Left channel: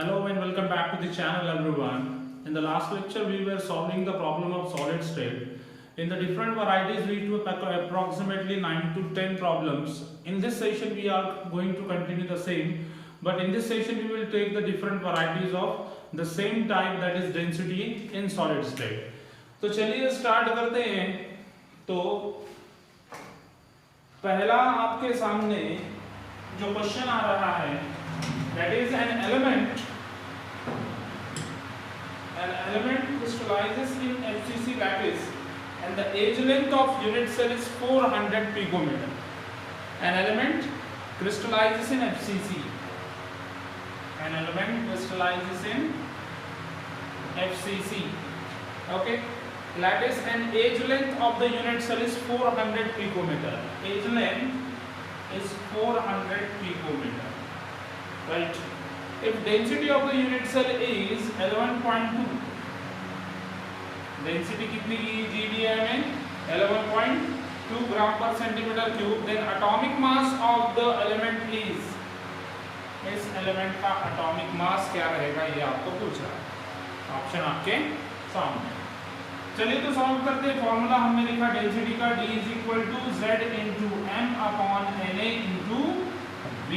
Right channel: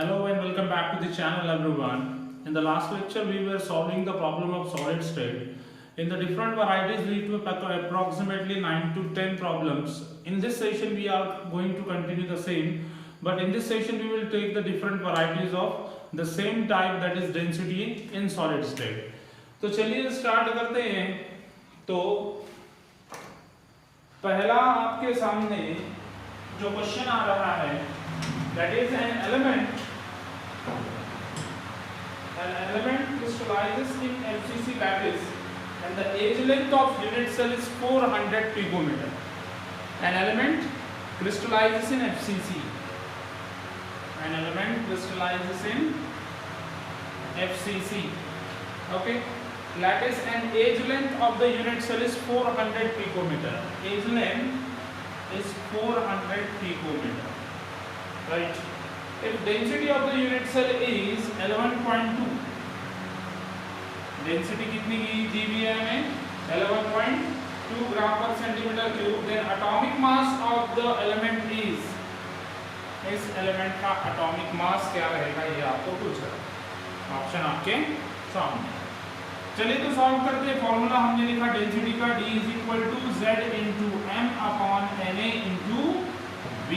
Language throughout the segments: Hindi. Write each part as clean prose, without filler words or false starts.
Hello and welcome back to the channel everyone. In the last lecture we were solving the problem of solid state. In the different varieties lead to approximately 9 to 10 problems. In this session we are going to continue the same, but in this session we will take the different varieties of the same type, that is density in solid state. तो चलिए स्टार्ट करते हैं। तो पहला आपके सामने जो क्वेश्चन आ रहा है, that is an element crystallizes in FCC lattice and the age length of unit cell is 400 picometer. An element crystallizes in FCC. An element crystallizes in FCC. Okay. Lattice and age length of the unit cell is 400 picometer. Age length is 400 picometer. Right. If density of the unit cell is 11.2, density कितनी की GVA में 11.2 ग्राम per centimetre cube, then atomic mass of the element is, इस एलिमेंट का एटॉमिक मास क्या रहेगा ये आपको पूछ रहा है। ऑप्शन आपके सामने। चलिए तो सॉल्व करते हैं। फॉर्मूला हमने लिखा डेंसिटी का, D is equal to Z into M upon Na into V।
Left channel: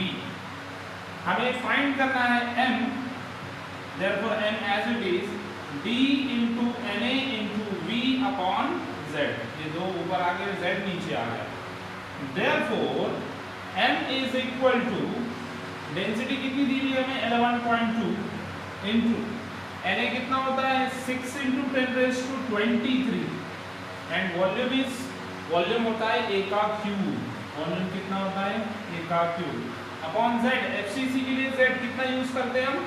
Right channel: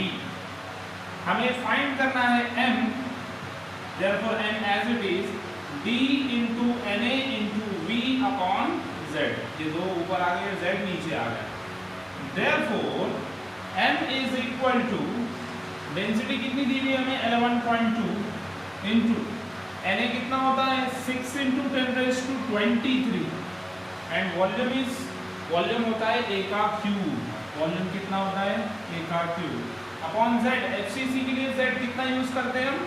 हमें फाइंड करना है M, therefore M as it is D into Na into V upon Z। ये दो ऊपर आ गए, Z नीचे आ गया। therefore M is equal to, density कितनी दी हुई है हमें 11.2 into Na कितना होता है 6 into 10 raised to 23 and volume होता है A का क्यूब। वॉल्यूम कितना होता है A का क्यूब अपॉन Z। FCC के लिए Z कितना यूज करते हैं हम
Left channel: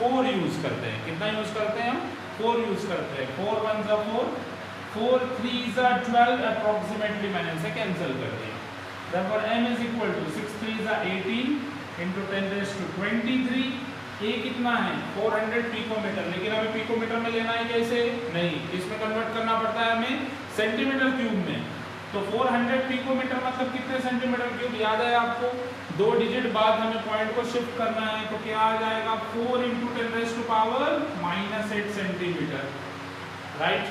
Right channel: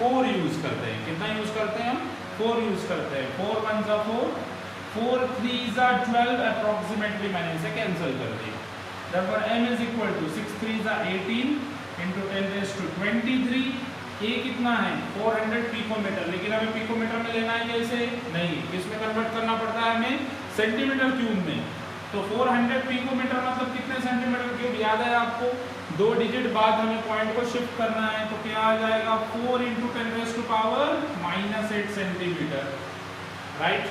4 यूज करते हैं। कितना यूज करते हैं हम 4 यूज करते हैं। 4 1 जा 4, 4 3 जा 12, अप्रोक्सीमेटली मैंने इसे कैंसिल कर दिया। therefore M is equal to 6 3 जा 18 into 10 raised to 23। A कितना है 400 पिकोमीटर, लेकिन हमें पिकोमीटर में लेना है कैसे, नहीं, इसमें कन्वर्ट करना पड़ता है हमें सेंटीमीटर क्यूब में। तो 400 पिकोमीटर मतलब कितने सेंटीमीटर क्यूब याद है आपको, 2 डिजिट बाद हमें पॉइंट को शिफ्ट करना है, तो क्या आ जाएगा 4 into 10 raised to power -8 centimetre. Right,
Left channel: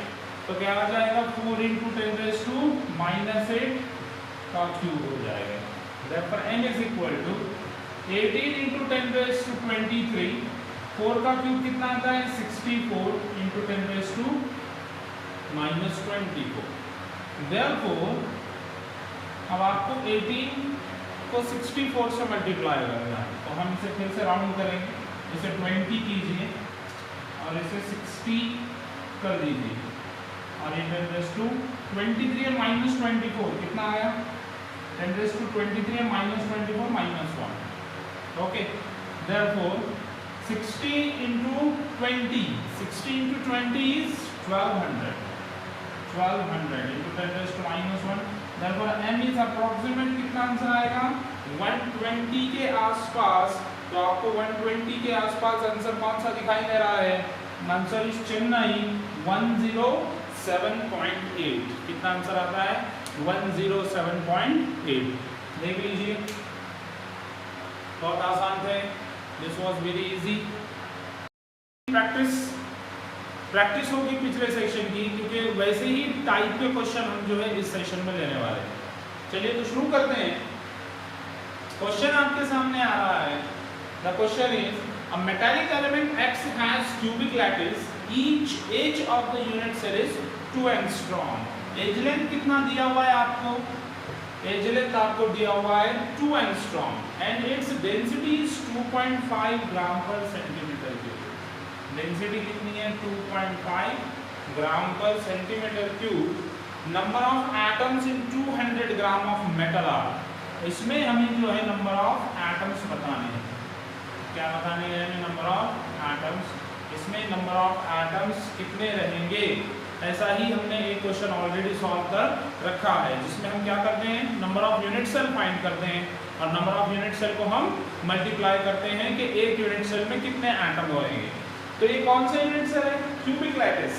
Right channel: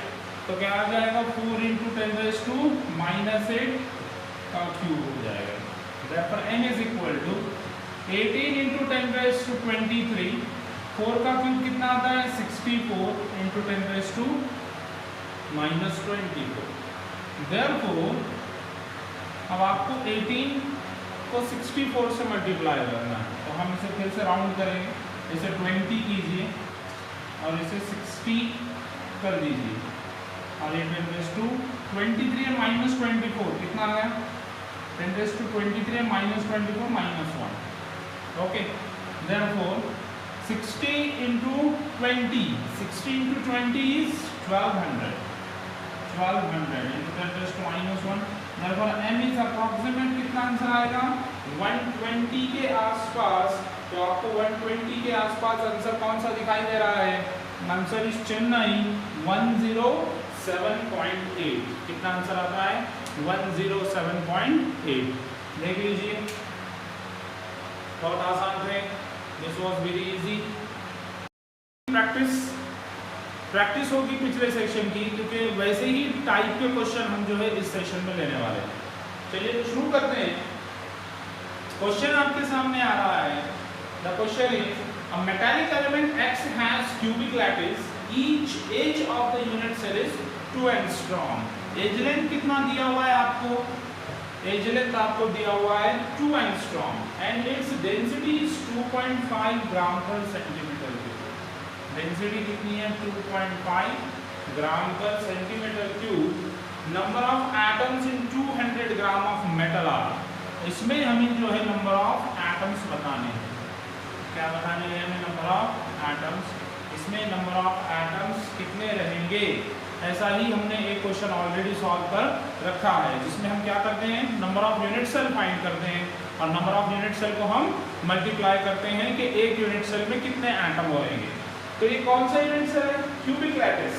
तो क्या आ जाएगा 4 into 10 raised to -8 का क्यूब हो जाएगा। therefore M is equal to 18 into 10 raised to 23, 4 का क्यूब कितना आता है 64 into 10 raised to -24। therefore अब आपको 18 को 64 से मल्टीप्लाई करना है, तो हम इसे फिर से राउंड करेंगे, इसे 20 कीजिए और इसे 60 कर दीजिए और ये 10 raised to 23 और -24 कितना आया 10 raised to 23 और -24 -1। Okay, therefore 60 into 20 is 1200 into 10 raised to -1। therefore M is approximate कितना आंसर आएगा 120 के आसपास। तो आपको 120 के आसपास आंसर कौन सा दिखाई दे रहा है, आंसर इज चेन्नई 107.8। कितना आंसर आता है 107.8। देख लीजिए, बहुत आसान थे, this was very easy. Practice होगी पिछले सेशन की, क्योंकि वैसे ही टाइप के क्वेश्चन हम जो है इस सेशन में लेने वाले हैं। चलिए तो शुरू करते हैं। क्वेश्चन आपके सामने आ रहा है, the question is a metallic element X has cubic lattice, each edge of the unit cell is 2 angstrom. Edge length कितना दिया हुआ है आपको, एज लेंथ आपको दिया हुआ है 2 angstrom and its density is 2.5 gram per centimetre cube. Density कितनी है 2.5 gram per centimetre cube. Number of atoms in 200 gram of metal are. इसमें हमें जो है नंबर ऑफ एटम्स बताने हैं। क्या बताने हैं हमें नंबर ऑफ एटम्स। इसमें नंबर ऑफ एटम्स कितने रहेंगे, ऐसा ही हमने एक क्वेश्चन ऑलरेडी सॉल्व कर रखा है, जिसमें हम क्या करते हैं number of unit cell find करते हैं और नंबर ऑफ यूनिट सेल को हम मल्टीप्लाई करते हैं कि एक यूनिट सेल में कितने एटम होंगे। तो ये कौन सा यूनिट सेल है, क्यूबिक लैटिस।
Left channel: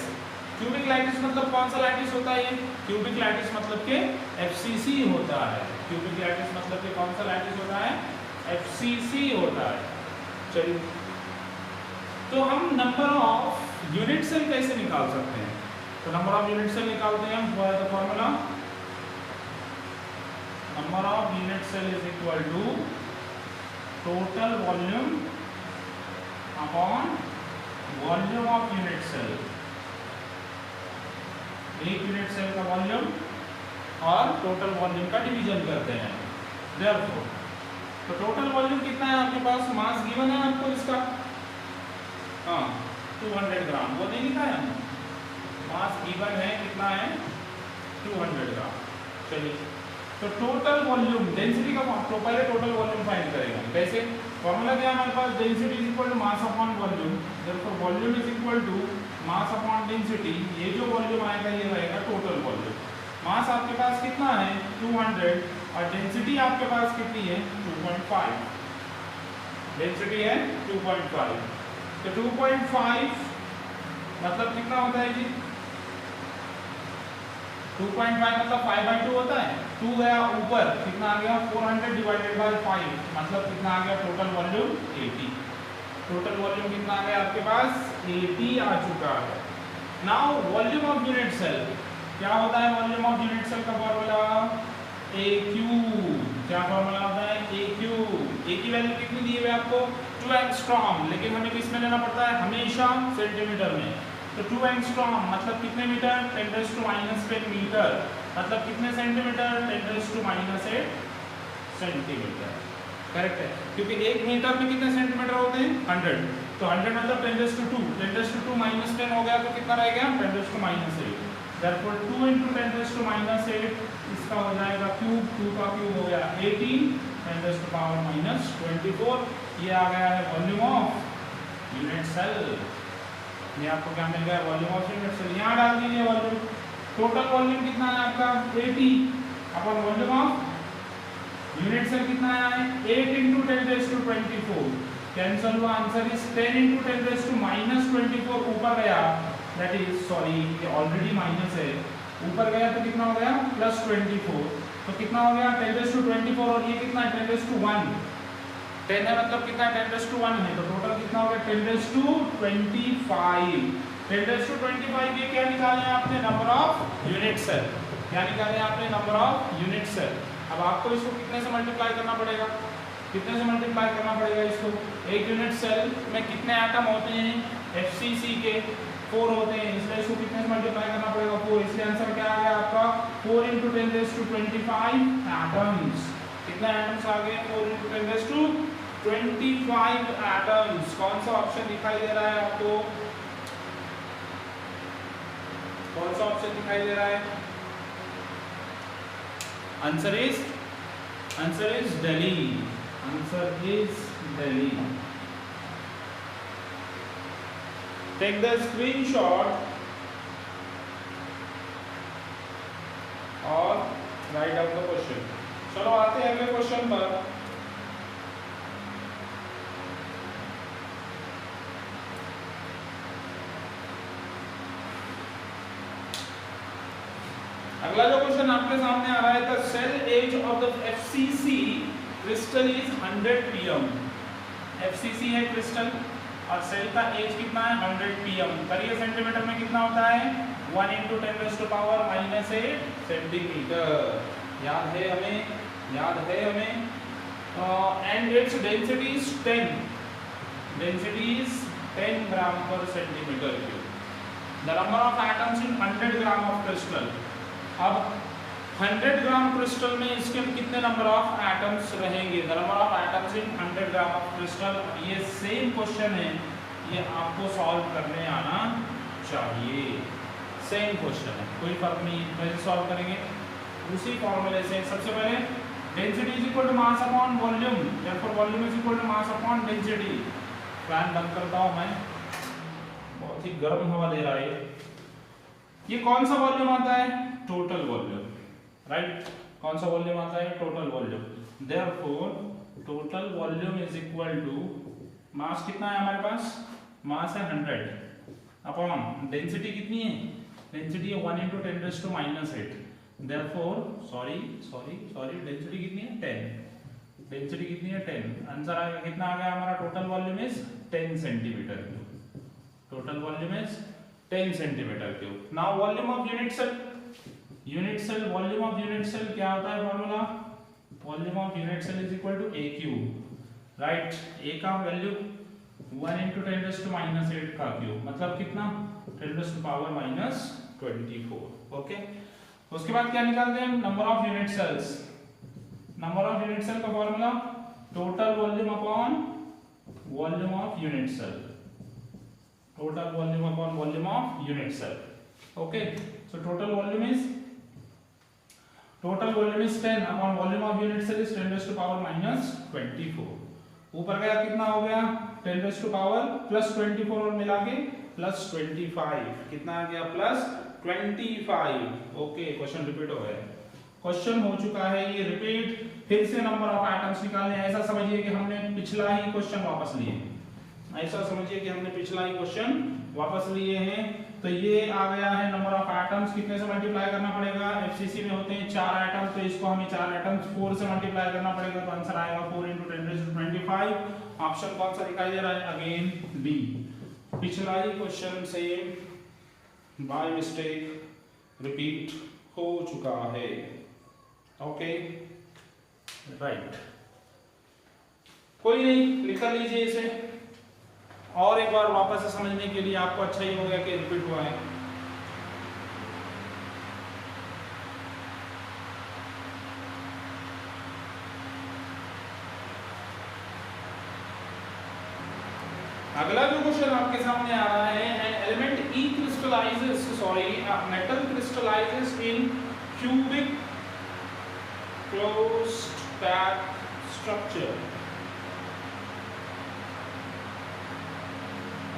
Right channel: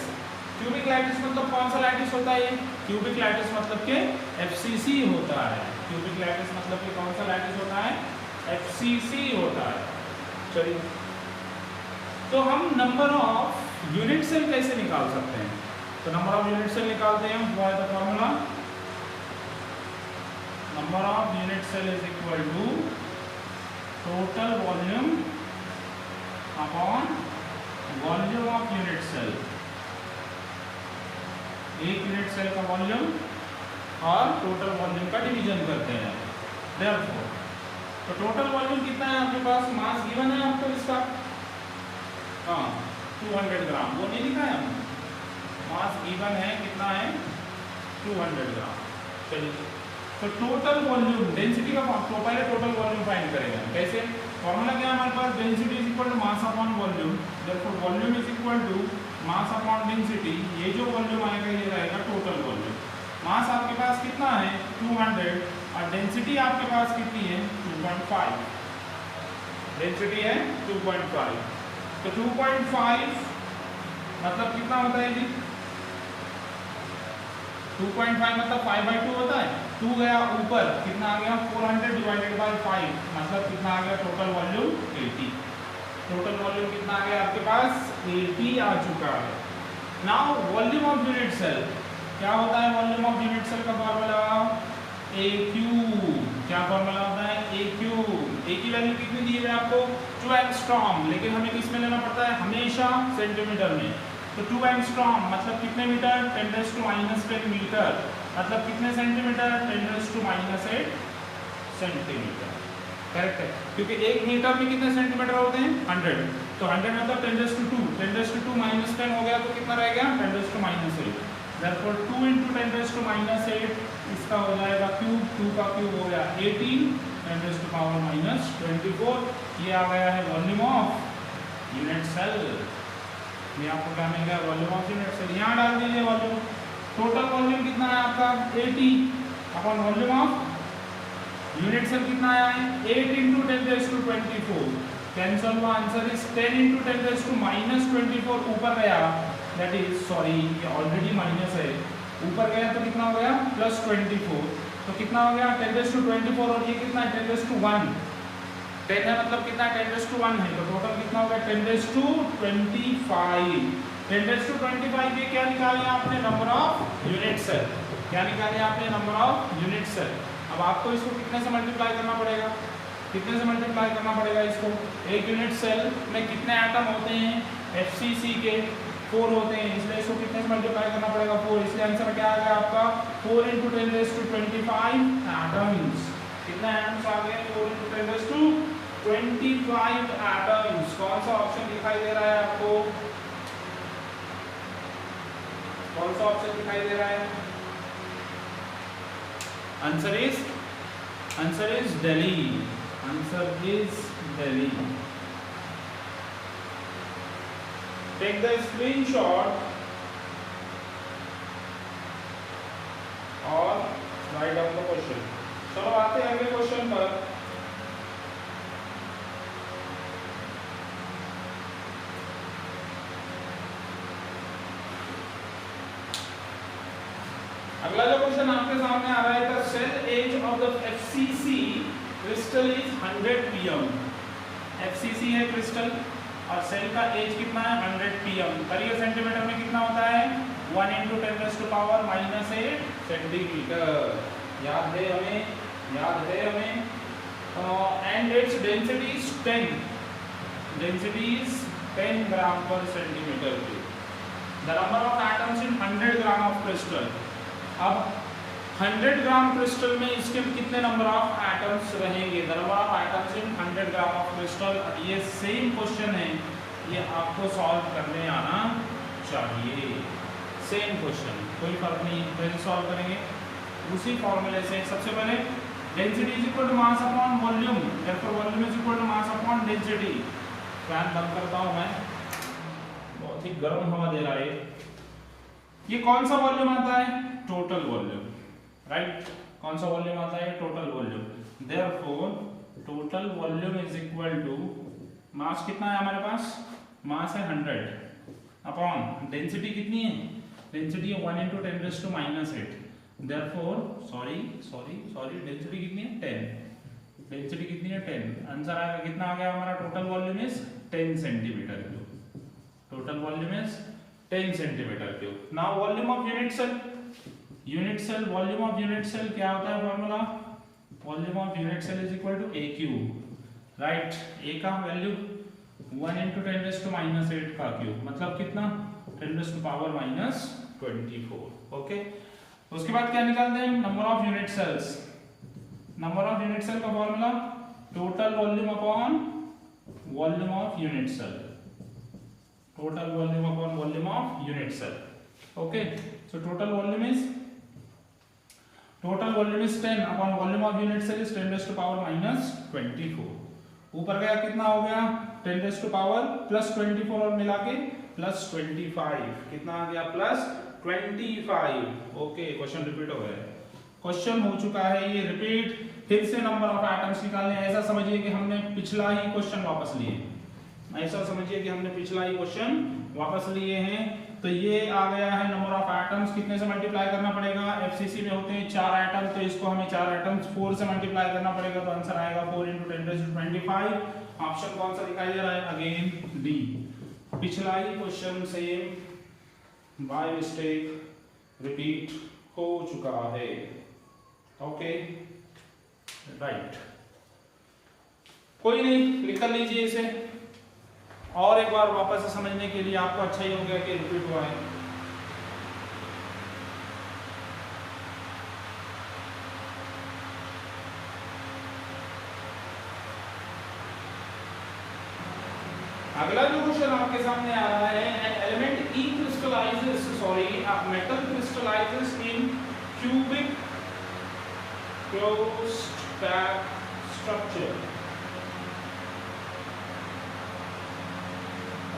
क्यूबिक लैटिस मतलब कौन सा लैटिस होता है, ये क्यूबिक लैटिस मतलब के FCC होता है। क्यूबिक लैटिस मतलब कि कौन सा लैटिस होता है, FCC होता है। चलिए तो हम नंबर ऑफ यूनिट सेल कैसे निकाल सकते हैं? तो नंबर ऑफ यूनिट सेल निकालते हैं हम, what is the formula? Number of unit cell is equal to total volume upon volume of unit cell. एक यूनिट सेल का वॉल्यूम और टोटल वॉल्यूम का डिवीजन करते हैं। देयरफॉर तो टोटल वॉल्यूम कितना है आपके पास? मास गिवन है आपको इसका, हाँ 200 ग्राम, वो नहीं लिखा है हमने। मास गिवन है, कितना है? 200 ग्राम। चलिए, तो टोटल वॉल्यूम डेंसिटी का तो पहले टोटल वॉल्यूम फाइंड करेंगे। कैसे? फॉर्मूला क्या है हमारे पास? Density is equal to mass upon volume. Therefore volume is equal to mass upon density. ये जो वॉल्यूम आएगा ये रहेगा टोटल वॉल्यूम। मास आपके पास कितना है? 200, और डेंसिटी आपके पास कितनी है? 2.5। डेंसिटी है 2.5। तो 2.5 मतलब कितना होता है जी? 2.5 मतलब 5/2 होता है। 2 गया ऊपर, कितना आ गया? 400 डिवाइडेड बाय 5, मतलब कितना आ गया? Total volume 80। टोटल वॉल्यूम कितना आ गया आपके पास? 80 आ चुका है। Now volume of unit cell क्या होता है? वॉल्यूम ऑफ यूनिट सेल का फॉर्मूला AQ। क्या फॉर्मूला होता है? AQ। A की वैल्यू कितनी दी है आपको? 2 एंगस्ट्रॉम, लेकिन हमें किस में लेना पड़ता है? हमेशा सेंटीमीटर में। तो 2 एंगस्ट्रॉम मतलब कितने मीटर? 10⁻⁻10 मीटर, मतलब कितने सेंटीमीटर? 10⁻⁸ सेंटीमीटर। करेक्ट है, क्योंकि 1 मीटर में कितने सेंटीमीटर होते हैं? 100। तो 100 मतलब 10⁻², 10⁻² - 10 हो गया, तो कितना रह गया? 10⁻⁸। Therefore 2 × 10⁻⁸ इसका हो जाएगा क्यूब, 2 का क्यूब हो गया 18, 10⁻⁻24। ये आ गया है वॉल्यूम ऑफ यूनिट सेल। ये आपको क्या मिल गया? Volume of unit cell. यहाँ डाल दीजिए वॉल्यूम। टोटल वॉल्यूम कितना है आपका? 80 upon volume of unit cell कितना है? 8 × 10⁻24। कैंसल हुआ, आंसर इज 10 × 10⁻⁻24। ऊपर गया, दैट इज सॉरी ये ऑलरेडी माइनस है, ऊपर गया तो कितना हो गया? +24। तो कितना हो गया? 10⁻24, और ये कितना है? 10⁻1। 10 है मतलब कितना है? 10⁻1 है, तो टोटल कितना हो गया? 10⁻25। 10⁻25 ये क्या निकाले आपने? Number of unit cell. क्या निकाले आपने? Number of unit cell. अब आपको इसको कितने से मल्टीप्लाई करना पड़ेगा? कितने से मल्टीप्लाई करना पड़ेगा इसको? एक यूनिट सेल में कितने एटम होते हैं? FCC के 4 होते हैं, इसलिए इसको कितने से मल्टीप्लाई करना पड़ेगा? 4। इसलिए आंसर क्या आ गया आपका? 4 × 10⁻25 एटम्स। कितने एटम्स आ गए? 4 × 10⁻25 एटम्स। कौन सा ऑप्शन दिखाई दे रहा है आपको? कौन सा ऑप्शन दिखाई दे रहा है? Answer is Delhi. Answer is Delhi. Take the screenshot और write down the question। चलो आते हैं अगले क्वेश्चन पर। अगला जो क्वेश्चन आपके सामने आ रहा है, the cell edge of the FCC crystal is 100 pm। FCC है क्रिस्टल और सेल का एज कितना है? 100 pm। करिए सेंटीमीटर में कितना होता है? 1 × 10⁻⁻8 सेंटीमीटर। याद है हमें। And its density is 10। Density is 10 gram per centimetre cube. The number of atoms in 100 gram of crystal. अब 100 ग्राम क्रिस्टल में इसके कितने नंबर ऑफ एटम्स रहेंगे? The number of atoms in 100 gram of crystal. ये सेम क्वेश्चन है, ये आपको सॉल्व करने आना चाहिए। सेम क्वेश्चन है, कोई फर्क नहीं। कैसे सॉल्व करेंगे? उसी फॉर्मूले से। सबसे पहले density is equal to mass upon volume, therefore volume is equal to mass upon density. Fan बंद करता हूं मैं, बहुत ही गर्म हवा दे रहा है। ये कौन सा वॉल्यूम आता है? Total volume, right. कौन सा वॉल्यूम आता है? Total volume. Therefore total volume is equal to mass कितना है हमारे पास? मास है 100 अपॉन डेंसिटी कितनी है? डेंसिटी है 1 × 10⁻⁻8। देयरफॉर सॉरी डेंसिटी कितनी है? 10। डेंसिटी कितनी है? 10। आंसर आएगा कितना आ गया हमारा? Total volume is 10 centimeter cube. Total volume is 10 centimeter cube. Now volume of unit cell. Volume of unit cell क्या होता है formula? Volume of unit cell is equal to A cube. Right? A का value 1 into 10 raised to minus 8 का क्यूब, मतलब कितना? 10 raised to power minus 24. Okay, उसके बाद क्या निकालते हैं? Number of unit cells. Number of unit cell का formula total volume upon volume of unit cell. Total volume upon volume of unit cell. Okay, so total volume is 10 upon volume of unit cell is 10 raised to power minus 24. ऊपर गया कितना हो गया? 10 raised to power plus 24 और मिला के plus 25. कितना आ गया? plus 25. ओके, क्वेश्चन रिपीट हो गया. क्वेश्चन हो चुका है ये रिपीट. फिर से नंबर ऑफ एटम्स निकालने. ऐसा समझिए कि हमने पिछला ही क्वेश्चन वापस लिए. ऐसा समझिए कि हमने पिछला ही क्वेश्चन वापस लिए हैं. तो ये आ गया है नंबर ऑफ एटम्स. कितने से मल्टीप्लाई करना पड़ेगा? एफसीसी में होते हैं 4 एटम, तो इसको हमें 4 एटम्स 4 से मल्टीप्लाई करना पड़ेगा. तो आंसर आएगा 4 into 10 raised to 25. ऑप्शन कौन सा दिखाई दे रहा है? Again B. पिछला ही क्वेश्चन से बाय मिस्टेक रिपीट हो चुका है. ओके, राइट, कोई नहीं, लिख कर लीजिए इसे. और एक बार वापस से समझने के लिए आपको अच्छा ही हो गया कि रिपीट हुआ है. अगला जो क्वेश्चन आपके सामने आ रहा है, an element E crystallizes, a metal crystallizes in cubic closed packed structure.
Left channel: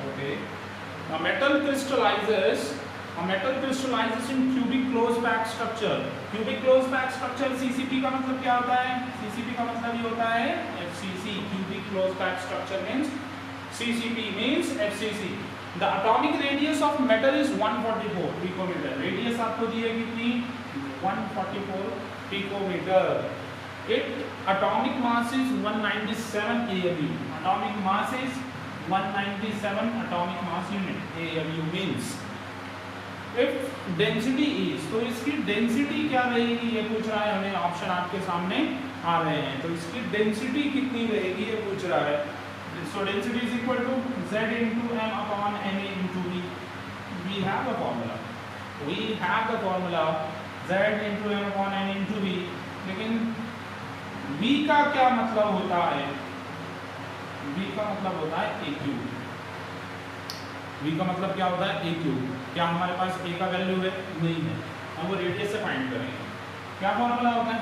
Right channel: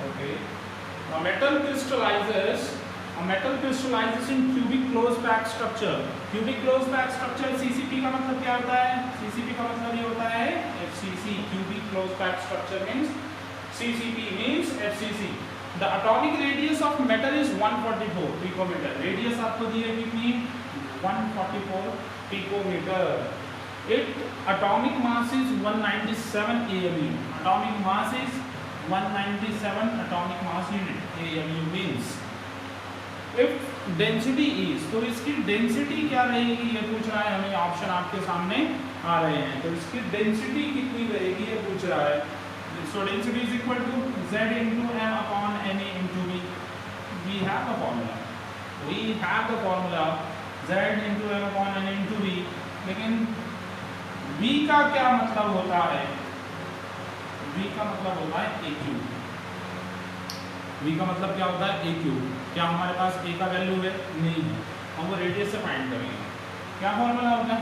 Okay, a metal crystallizes in cubic closed packed structure. Cubic closed packed structure CCP का मतलब क्या होता है? CCP का मतलब ये होता है FCC. Cubic closed packed structure means CCP means FCC. The atomic radius of metal is 144 picometer. Radius आपको दी है कितनी? 144 picometer. Its atomic mass is 197 AMU. Atomic mass is 197 atomic mass unit. AMU means if density is, तो इसकी डेंसिटी क्या रहेगी ये पूछ रहा है हमें. ऑप्शन आपके सामने आ रहे हैं. तो इसकी डेंसिटी कितनी रहेगी ये पूछ रहा है. So density is equal to Z into M upon Na into V. We have the formula. Z into M upon Na into V. लेकिन V का क्या मतलब होता है? V का मतलब होता है A क्यूब. V का मतलब क्या होता है? A cube. क्या हमारे पास A का वैल्यू है? नहीं है. हम वो रेडियस से फाइंड करेंगे. क्या फॉर्मूला होता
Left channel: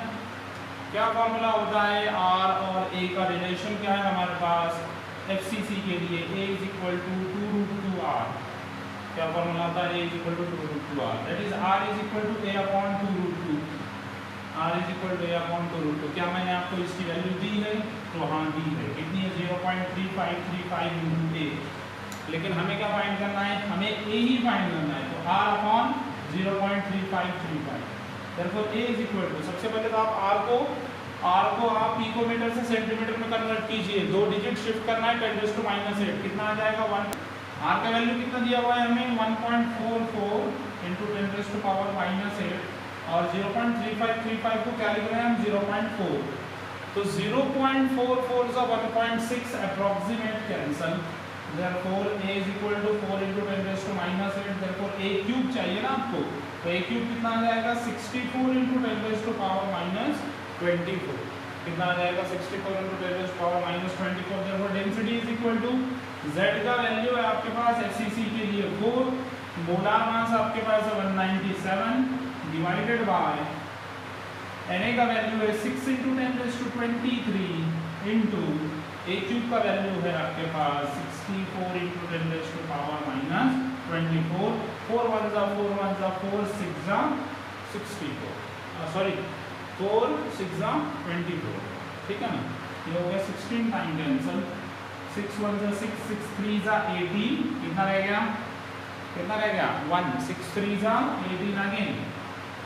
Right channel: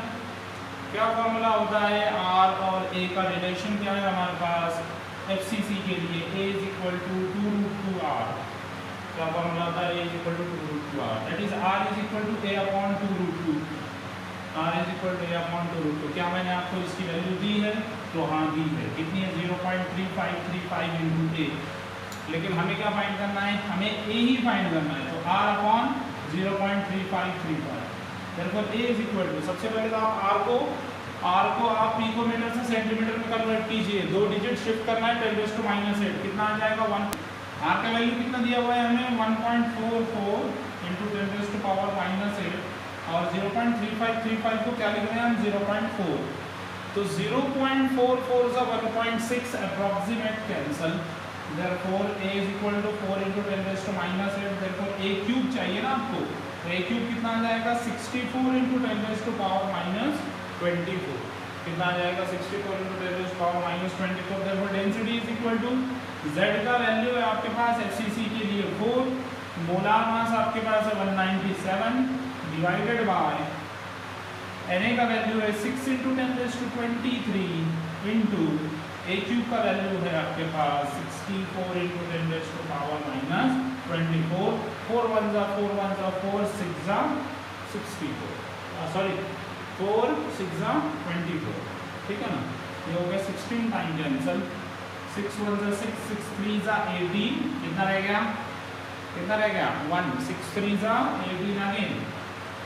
है? R और A का रिलेशन क्या है हमारे पास? FCC के लिए A is equal to 2 root 2 R. क्या फॉर्मूला था? A is equal to 2 root 2 R. That is R is equal to A upon 2 root 2. R is equal to A upon 2 root 2. क्या मैंने आपको इसकी वैल्यू दी है? तो हाँ दी है. कितनी है? 0.3535 into A. लेकिन हमें क्या फाइंड करना है? हमें A ही फाइंड करना है. तो R upon 0.3535. Therefore A is equal to, सबसे पहले तो आप R को आप पिकोमीटर से सेंटीमीटर में कन्वर्ट कीजिए. 2 डिजिट शिफ्ट करना है 10 raised to minus 8. कितना आ जाएगा? 1. R का वैल्यू कितना दिया हुआ है हमें? 1.44 into 10 raised to power minus 8. और 0.3535 को क्या लिख रहे हैं हम? 0.4. तो 0.44 is 1.6 approximate cancel. Therefore A is equal to 4 into 10 raised to minus 8. Therefore A cube चाहिए ना आपको. तो A क्यूब कितना आ जाएगा? 64 into 10 raised to power minus 24. कितना आ जाएगा? 64 into 10 raised to power minus 24. Therefore density is equal to Z का वैल्यू है आपके पास FCC के लिए 4. मोलार मास आपके पास है 197 डिवाइडेड बाय Na का वैल्यू है 6 into 10 raised to 23 into A cube का वैल्यू है आपके पास 64 into 10 raised to power minus 24. 4 1 जा 4 6 जा 64. सॉरी 4 6 जा 24. ठीक है ना? ये हो गया 16 टाइम कैंसल. 6 1 जा 6 6 3 जा 18. कितना रह गया? 1. 6 3 जा 18 अगेन.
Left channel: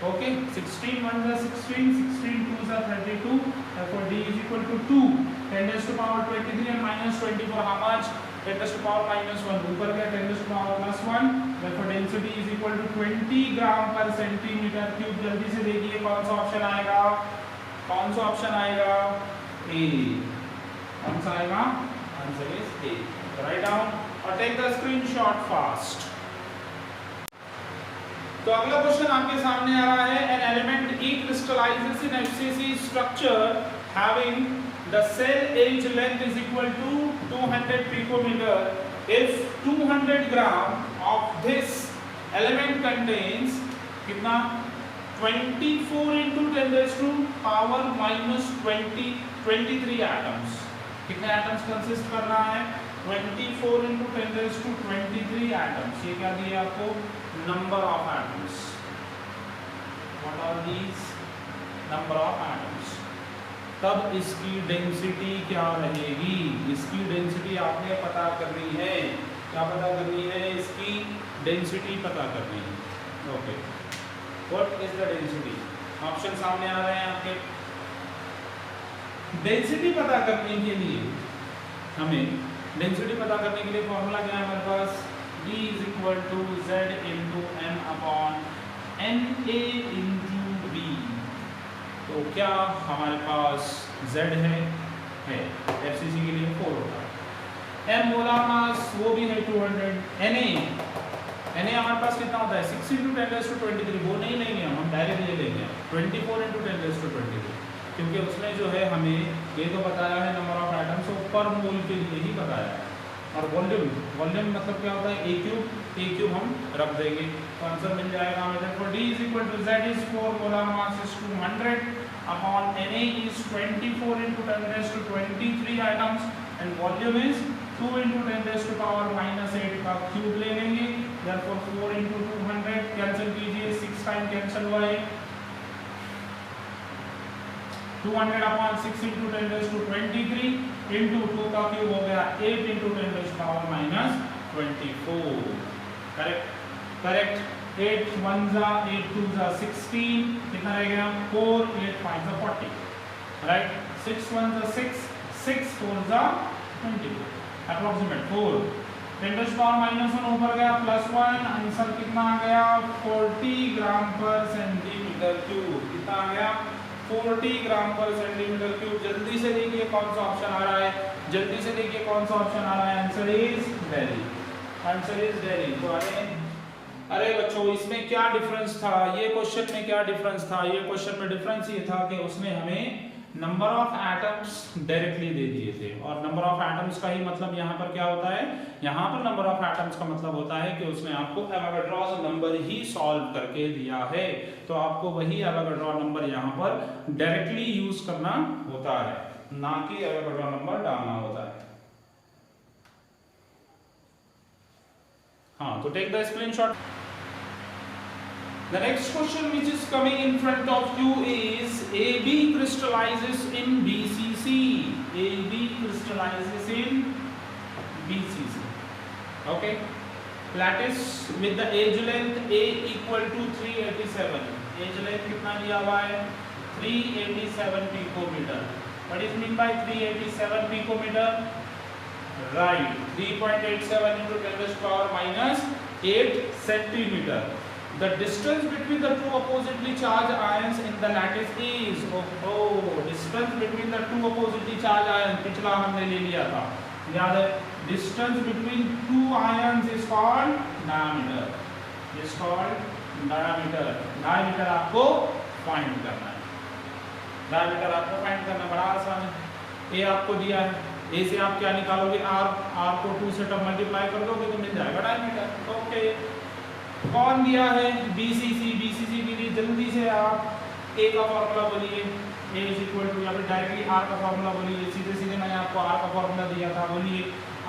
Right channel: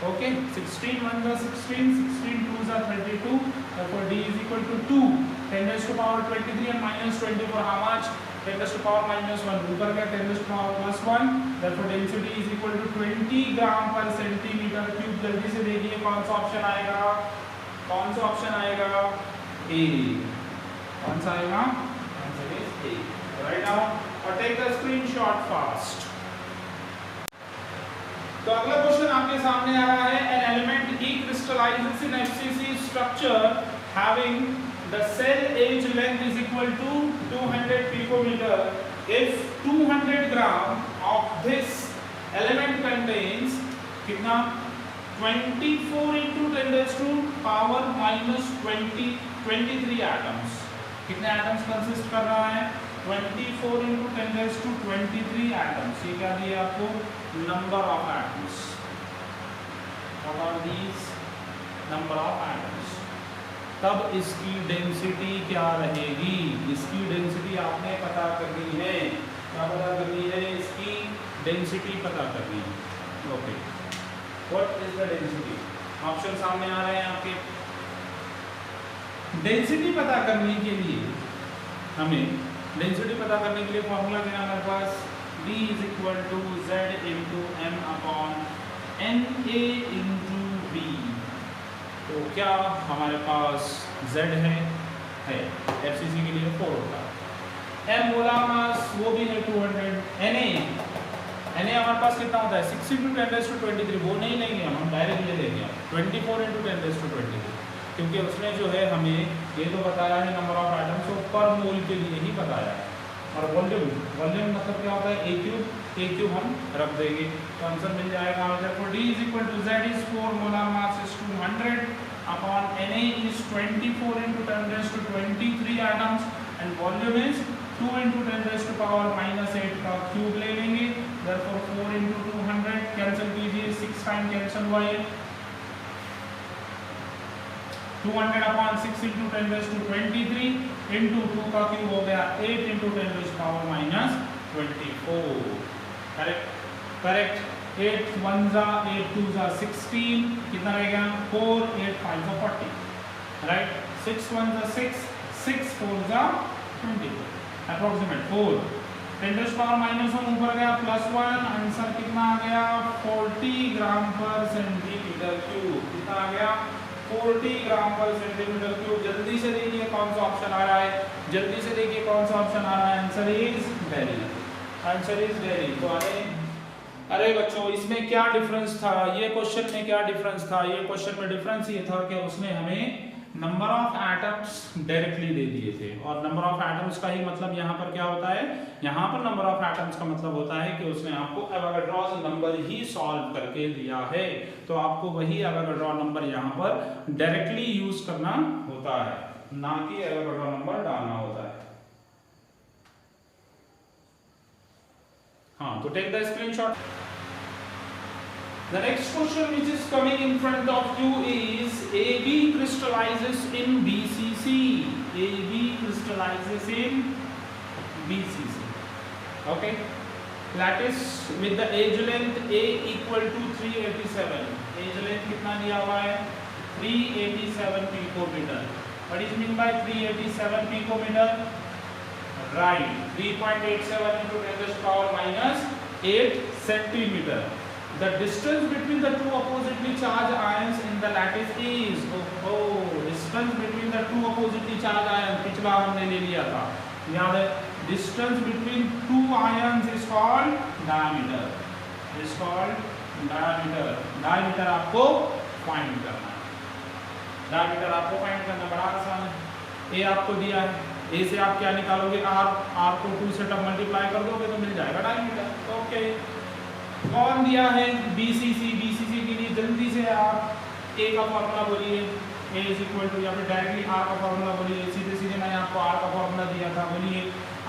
ओके, 16 1 जा 16 16 2 जा 32. Therefore D is equal to 2. 10 raised to power 23 and minus 24. How much? 10 to the power -1, ऊपर क्या 10 to the power +1, therefore density is equal to 20 gram per centimetre cube. जल्दी से देखिए कौन सा ऑप्शन आएगा, कौन सा ऑप्शन आएगा, ए। कौन सा आएगा, answer is a. Write down और टेक द स्क्रीनशॉट फास्ट। तो अगला क्वेश्चन आपके सामने आ रहा है, an element E crystallises in FCC structure having the cell edge length is equal to 200 picometer if 200 gram of this element contains कितना 24 into 10 raised to power minus 23 atoms। कितने atoms कंसिस्ट कर रहा है, 24 into 10 raised to 23 atoms। ये क्या दिया आपको, number of atoms। what are these number of atoms? तब इसकी डेंसिटी क्या रहेगी, इसकी डेंसिटी आपने पता करनी है। क्या पता करनी है, इसकी डेंसिटी पता करनी है। Okay, what is the density, option सामने आ रहे हैं आपके। डेंसिटी पता करने के लिए हमें, डेंसिटी पता करने के लिए फॉर्मूला क्या है हमारे पास, D is equal to Z into M upon NA into B। तो क्या हमारे पास Z है FCC के लिए 4 होता है। M मोलार मास वो भी है 200। Na हमारे पास कितना होता है 6 into 10 raised to 23। वो नहीं लेंगे हम डायरेक्ट ये लेंगे 24 into 10 raised to 23, क्योंकि उसने जो है हमें ये तो बताया है नंबर ऑफ एटम्स को पर मोल के लिए ही बताया है। और वॉल्यूम मतलब क्या होता है ए क्यूब हम रख देंगे तो आंसर मिल जाएगा हमारे को। D is equal to Z is 4, molar mass is 200 upon Na is 24 into 10 raised to 23 atoms and volume is 2 into 10 raised to power -8 का क्यूब ले लेंगे। therefore 4 into 200 कैंसिल कीजिए, 6 टाइम कैंसिल हुआ है, 200 upon 6 into 10 raised to 23 into 2 का क्यूब हो गया 8 into 10 raised to power -24। Correct 8 1 जा 8 2 जा 16, कितना रह गया 4 8 5 जा 40, राइट 6 1 जा 6 6 4 जा 24, अप्रोक्सीमेट 4 10 raised to power -1 ऊपर गया +1, आंसर कितना आ गया 40 ग्राम पर सेंटीमीटर क्यूब। कितना आ गया 40 ग्राम पर सेंटीमीटर क्यूब। जल्दी से देखिए कौन सा ऑप्शन आ रहा है, जल्दी से देखिए कौन सा ऑप्शन आ रहा है, answer is Delhi, answer is Delhi. तो अरे बच्चों इसमें क्या डिफरेंस था, ये क्वेश्चन में क्या डिफरेंस था, ये क्वेश्चन में डिफरेंस ये था कि उसने हमें नंबर ऑफ एटम्स डायरेक्टली दे दिए थे, और नंबर ऑफ एटम्स का ही मतलब यहाँ पर क्या होता है, यहाँ पर नंबर ऑफ एटम्स का मतलब होता है कि उसने आपको एवोगाड्रोस नंबर ही सॉल्व करके दिया है, तो आपको वही एवोगाड्रो नंबर यहाँ पर डायरेक्टली यूज करना होता है, ना कि एवोगाड्रो नंबर डालना होता है। हाँ, तो take the screenshot. The next question which is coming in front of you is AB crystallizes in BCC. AB crystallizes in BCC. Okay. Lattice with the edge length A equal to 387. Edge length कितना दिया हुआ है 387 picometer. What is mean by 387 picometer? Right. 3.87 into 10 to the power -8 centimeter. The distance between the two oppositely charged ions in the lattice is distance between the two oppositely charged ions, पिछला हमने ले लिया था याद है, distance between two ions is called diameter, is called diameter। diameter आपको फाइंड करना है, diameter आपको फाइंड करना बड़ा आसान है। A आपको दिया है, A से आप क्या निकालोगे r को 2 से तब मल्टीप्लाई कर दोगे तो मिल जाएगा diameter। ओके, कौन दिया है BCC के लिए जल्दी से आप A का फॉर्मूला बोलिए, A इज इक्वल टू, या फिर डायरेक्टली R का फॉर्मूला बोलिए, सीधे मैंने आपको R का फॉर्मूला दिया था, बोलिए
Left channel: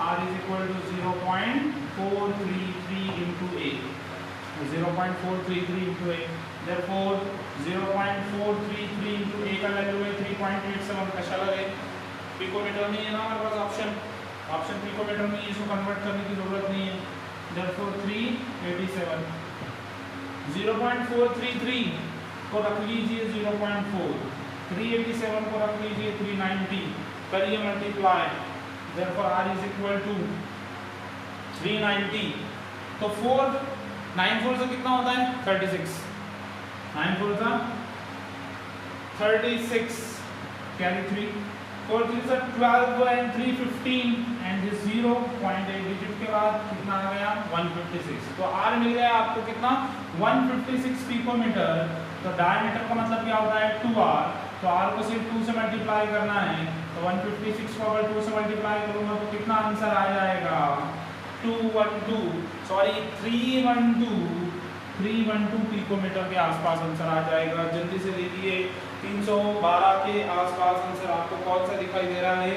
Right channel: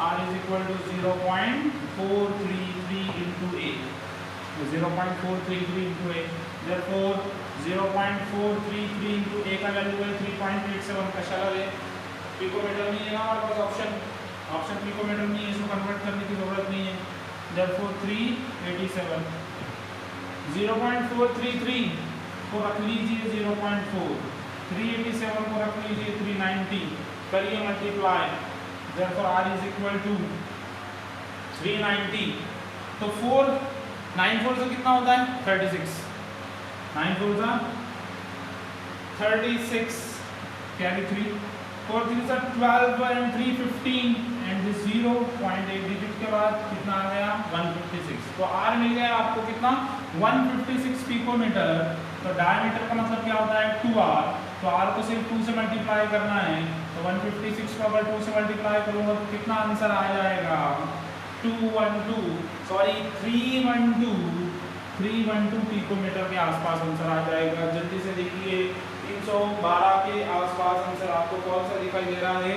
R is equal to 0.433 into A, 0.433 into A, therefore 0.433 into A का वैल्यू है 3.87, कशाला है पिकोमीटर में, है हमारे पास ऑप्शन पिकोमीटर में, इसको कन्वर्ट करने की जरूरत नहीं है। therefore 387, 0.433 को रख लीजिए 0.4, 387 को रख लीजिए 390, करिए multiply, therefore R is equal to 390। तो 4 9 4 से कितना होता है 36, 9 4 से 36 कैरी 3, 4 3 से 12 and 3 15 एंड 0.8 डिजिट के बाद कितना आ गया 156। तो आर मिल गया आपको कितना 156 पिकोमीटर। तो डायमीटर का मतलब क्या होता है 2r, तो r को सिर्फ 2 से मल्टीप्लाई करना है, तो 156 को अगर 2 से मल्टीप्लाई करूंगा तो कितना आंसर आ जाएगा 312 पिकोमीटर के आसपास आंसर आ जाएगा। जल्दी से देखिए 312 के आसपास आंसर आपको कौन सा दिखाई दे रहा है,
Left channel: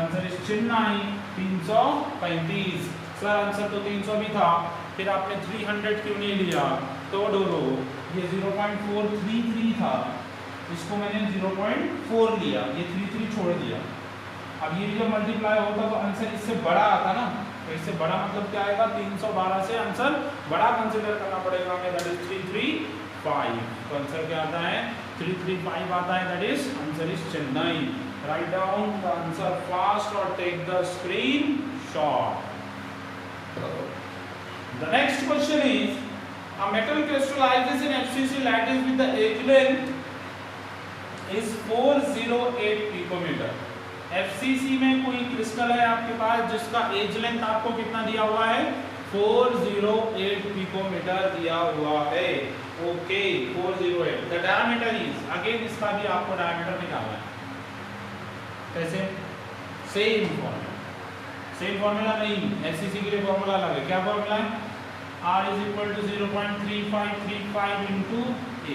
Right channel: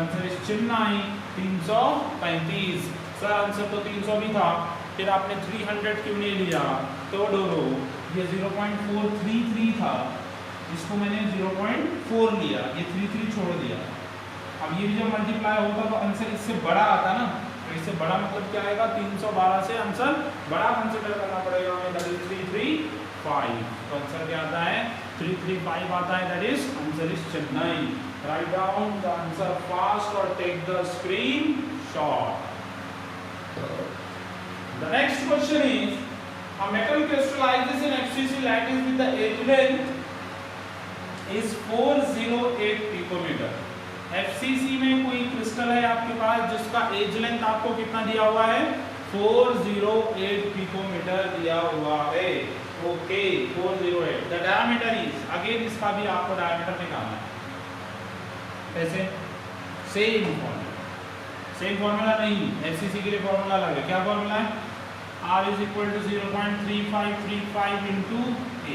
answer is Chennai 335। Sir answer तो 300 भी था, फिर आपने 300 क्यों नहीं लिया, तो डोरो ये 0.433 था, इसको मैंने 0.4 लिया, ये 33 छोड़ दिया। अब ये जब मल्टीप्लाई होगा तो आंसर इससे बड़ा आता ना, तो इससे बड़ा मतलब क्या आएगा 312 से आंसर बड़ा कंसीडर करना पड़ेगा हमें, दैट इज 335। तो आंसर क्या आता है 335 आता है, that is answer is Chennai. Right down the answer fast और take the screen shot. The next question is, a metal crystallizes in FCC lattice with the edge length is 408 picometer। FCC में कोई क्रिस्टल है आपके पास जिसका एज लेंथ आपको कितना दिया हुआ है 408 पिकोमीटर दिया हुआ है। Okay 408। The diameter is, again इसका भी आपको डायमीटर निकालना है, कैसे सेम फॉर्मूला नहीं, FCC के लिए फॉर्मूला अलग है। क्या फॉर्मूला है R is equal to 0.3535 into A,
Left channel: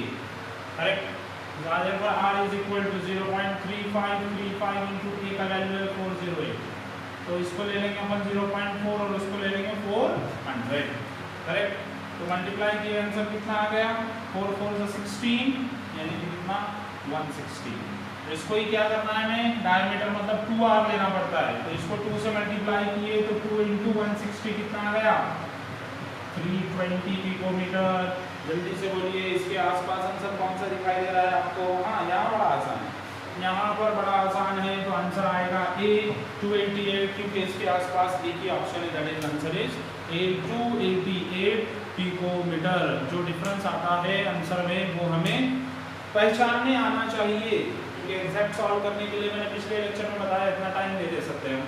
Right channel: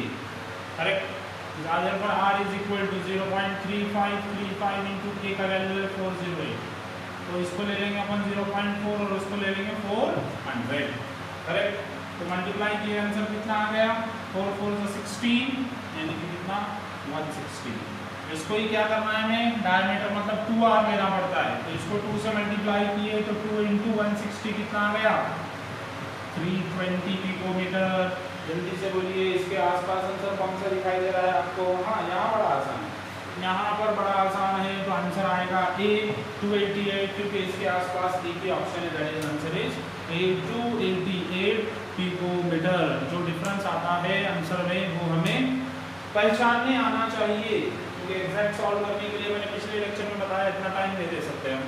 correct. यहाँ पर R is equal to 0.3535 into A का वैल्यू है 408, तो इसको ले लेंगे अपन 0.4 और उसको ले लेंगे 400, करेक्ट। तो मल्टीप्लाई किए आंसर कितना आ गया 4 4 से 16 यानी कि कितना 160। इसको ही क्या करना है हमें, डायमीटर मतलब 2r लेना पड़ता है, तो इसको 2 से मल्टीप्लाई किए तो 2 into 160 कितना आ गया 320 पिकोमीटर। जल्दी से बोलिए इसके आसपास आंसर कौन सा दिखाई दे रहा है आपको। हाँ यहाँ बड़ा आसान है, यहाँ पर बड़ा आसान है, तो आंसर आएगा A 288, क्योंकि इसके आसपास एक ही ऑप्शन है, that is answer is A 288 picometer. जो डिफरेंस आता है आंसर में वो हमें पहचानने आना चाहिए, क्योंकि एग्जैक्ट सॉल्व करने के लिए मैंने पिछले लेक्चर में बताया इतना टाइम नहीं दे सकते हैं।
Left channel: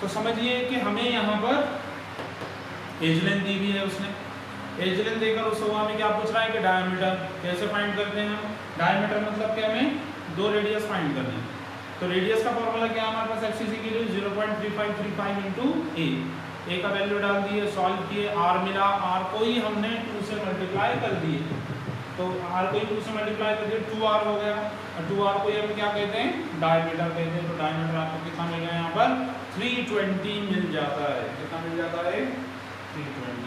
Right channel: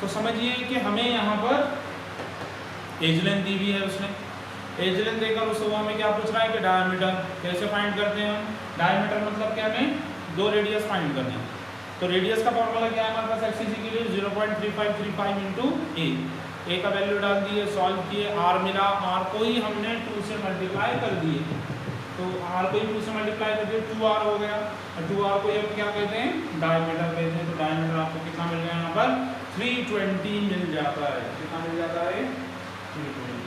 तो समझिए कि हमें यहाँ पर एज लेंथ दी हुई है, उसने एज लेंथ देकर उस हुआ में क्या पूछ रहा है कि डायमीटर कैसे फाइंड करते हैं हम। डायमीटर मतलब क्या, हमें 2 रेडियस फाइंड करने हैं, तो रेडियस का फॉर्मूला क्या है हमारे पास FCC के लिए 0.3535 into A का वैल्यू डाल दिए, सॉल्व किए, R मिला, R को ही हमने 2 से मल्टीप्लाई कर दिए, तो R को ही 2 से मल्टीप्लाई कर दिए 2R हो गया, और 2R को हम क्या कहते हैं डायमीटर कहते हैं। तो डायमीटर आपको कितना मिल गया यहाँ पर 320 मिल जाता है। कितना मिल जाता है 320।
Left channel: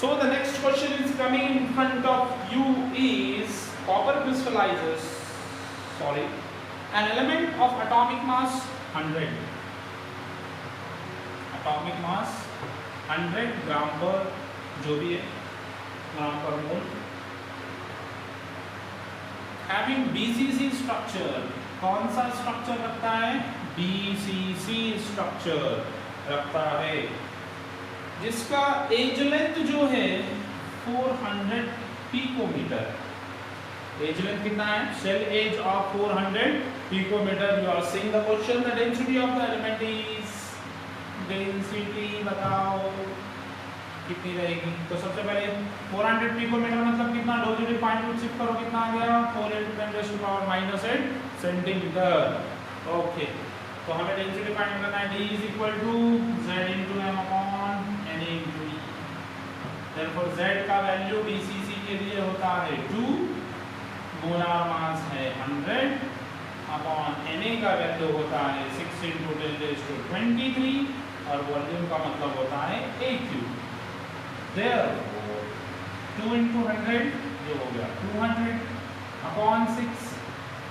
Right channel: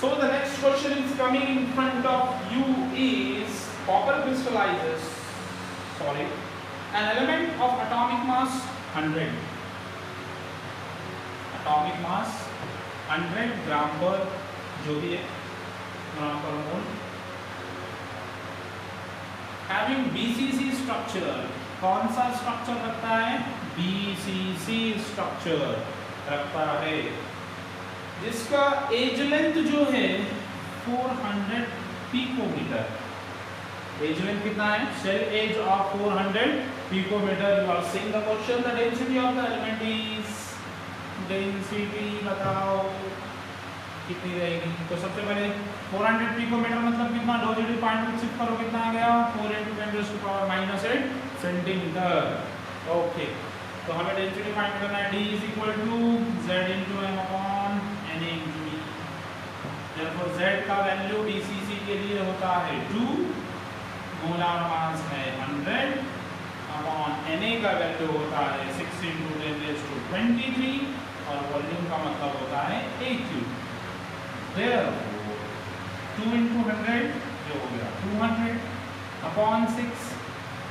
So the next question is coming in front of you is copper crystallizes, an element of atomic mass 100, atomic mass 100 ग्राम पर, जो भी है ग्राम पर मोल, having BCC structure, कौन सा स्ट्रक्चर रखता है BCC स्ट्रक्चर रखता है, जिसका एज लेंथ जो है 400 पिकोमीटर। एज लेंथ कितना है, cell edge of 400 picometer. You are seeing the question, the density of the element is, density बताओ कितनी रहेगी। तो सबसे पहले 400 पिकोमीटर मतलब कितना, दो जीरो पॉइंट में शिफ्ट करो, कितना आ गया 4 × 10⁻⁸ सेंटीमीटर। ओके, तो हमें डेंसिटी फाइंड करना है, D = Z × M/N × E। therefore Z का वैल्यू BCC के लिए होता है 2, मोलार मास है 100 अपॉन Na का वैल्यू होता है 6 × 10⁻23 और वॉल्यूम का मतलब होता है AQ। therefore 2 × 100 ये हो गया 200 अपॉन 6,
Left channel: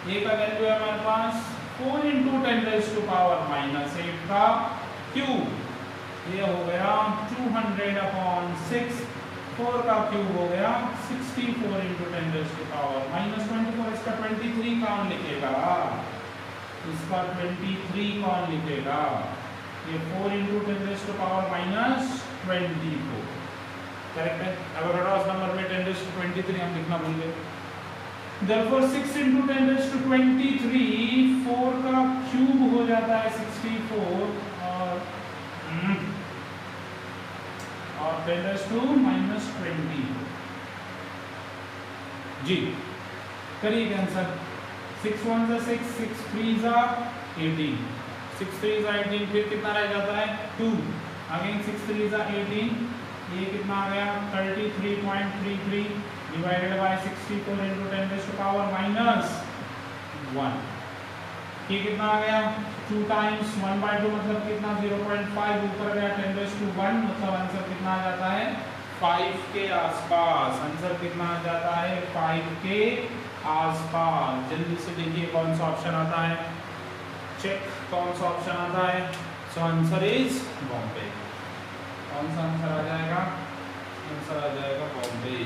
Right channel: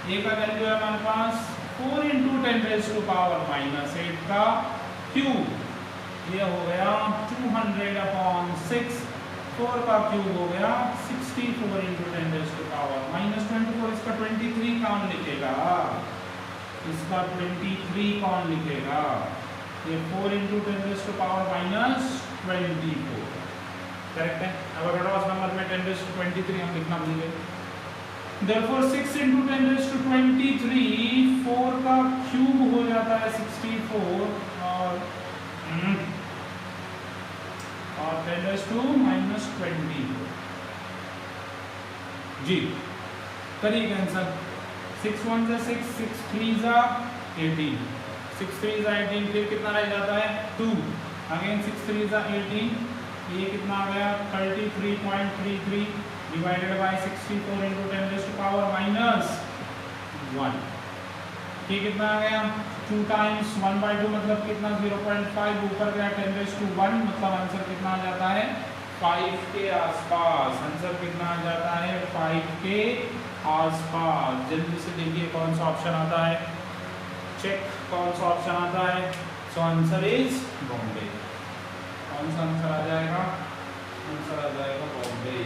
A का वैल्यू है हमारे पास 4 × 10⁻⁸ का क्यूब, ये हो गया 200 अपॉन 6, 4 का क्यूब हो गया 64 into 10 raise to power minus 24। इसका 23 कौन लिखेगा? इसका 23 कौन लिखेगा? ये 4 into 10 raise to power minus 24 correct है। अब अक्रॉस नंबर में 10 रेज़ टू 23 हम लिखना भूल गए। Therefore 6 into 10 raised to 23, 4 का क्यूब हो जाता है 64 और 10 raised to minus 24 जी। करिए आंसर। 6 1 जा 6, 6 3 जा 18, 6 3 जा 18, फिर कितना रह जाता है 2, अगेन 6 3 जा 18, ये कितना आ गया 33.33 divided by 64 into 10 raise to power minus 1। ये कितना आ गया 2 टाइम्स 1/2 मतलब कितना 0.5 ऊपर गया 10 रेज़ टू 1 मतलब आंसर कितना आ जाता है 5 के आसपास। आंसर कितना आ जाता है 5 के आसपास। जल्दी से देखिए कौन सा ऑप्शन आता है, चेक कौन सा ऑप्शन आता है। So answer is Bombay. कौन सा आंसर आ जाएगा? आंसर आ जाएगा बॉम्बे।